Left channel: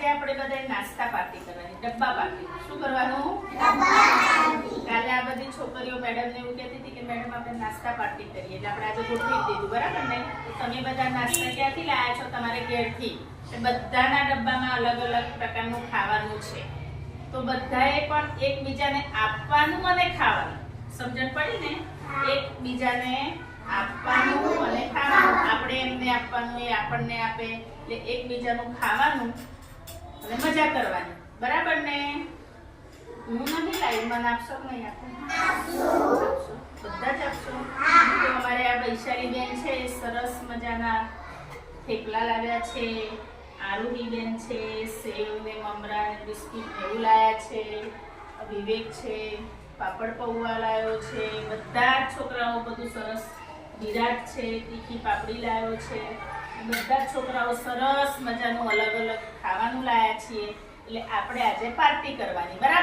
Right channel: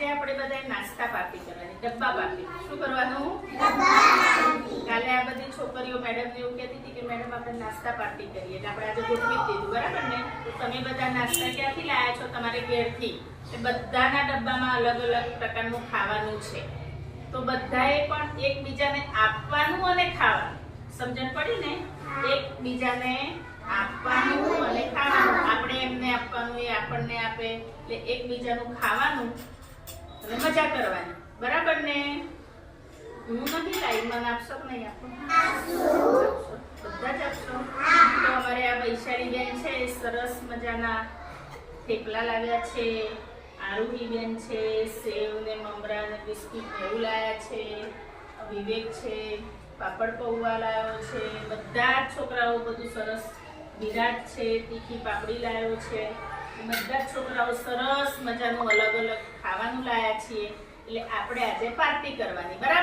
આજે આપણે બધાએ નાસ્તા પાર્ટી કરવાની, ડબ્બા પાર્ટી. શું કરવાનું? કાલે આ બધી છોકરીઓ મેડમને એવું કહેતી હતી કે મેડમ આપણે નાસ્તા પાર્ટી કરીએ, એટલે આપણે આજે ગોઠવી દીધું, બરાબર ને? તો તમે બધા નાસ્તા ક્યાંથી લાયા છો? તમારે ઘેરથી. બધાના ડબ્બામાં અલગ અલગ પ્રકારનું ખાવાનું છે, તો બધાએ પણ એકબીજાને આપવાનું અને ખાવાનું. સમજણ પડી ને? એકબીજાને આપવાનું અને ખાવાનું. આપણે એમને આપવાનું, એ આપણને આપે, એટલે એકબીજાનું ખાવાનું અને મજા કરવાની, બરાબર ને? હું નથી લાવી, મને આપશો કે નહીં આપો? આપશો, બધા જ આપશો. તો અમારે આ વૈશાલી બેન છે, સરસ મજાના થેપલા લાવ્યા છે. આરુહી બેન છે, સેવ ને મમરા ને બિસ્કિટ ને એવું લાયા છે. વિવેક છે, પાપડ પૌવા લાવ્યો છે. બધા જ છોકરાઓ બધું સરસ. વિરાટ છે, તીખી પાપડી લાવ્યો છે. બધા જ છોકરાઓ સરસ મજાનું અલગ અલગ ખાવાનું લાયા છીએ, એટલે આપણે આજે પાર્ટી કરવાની, બરાબર?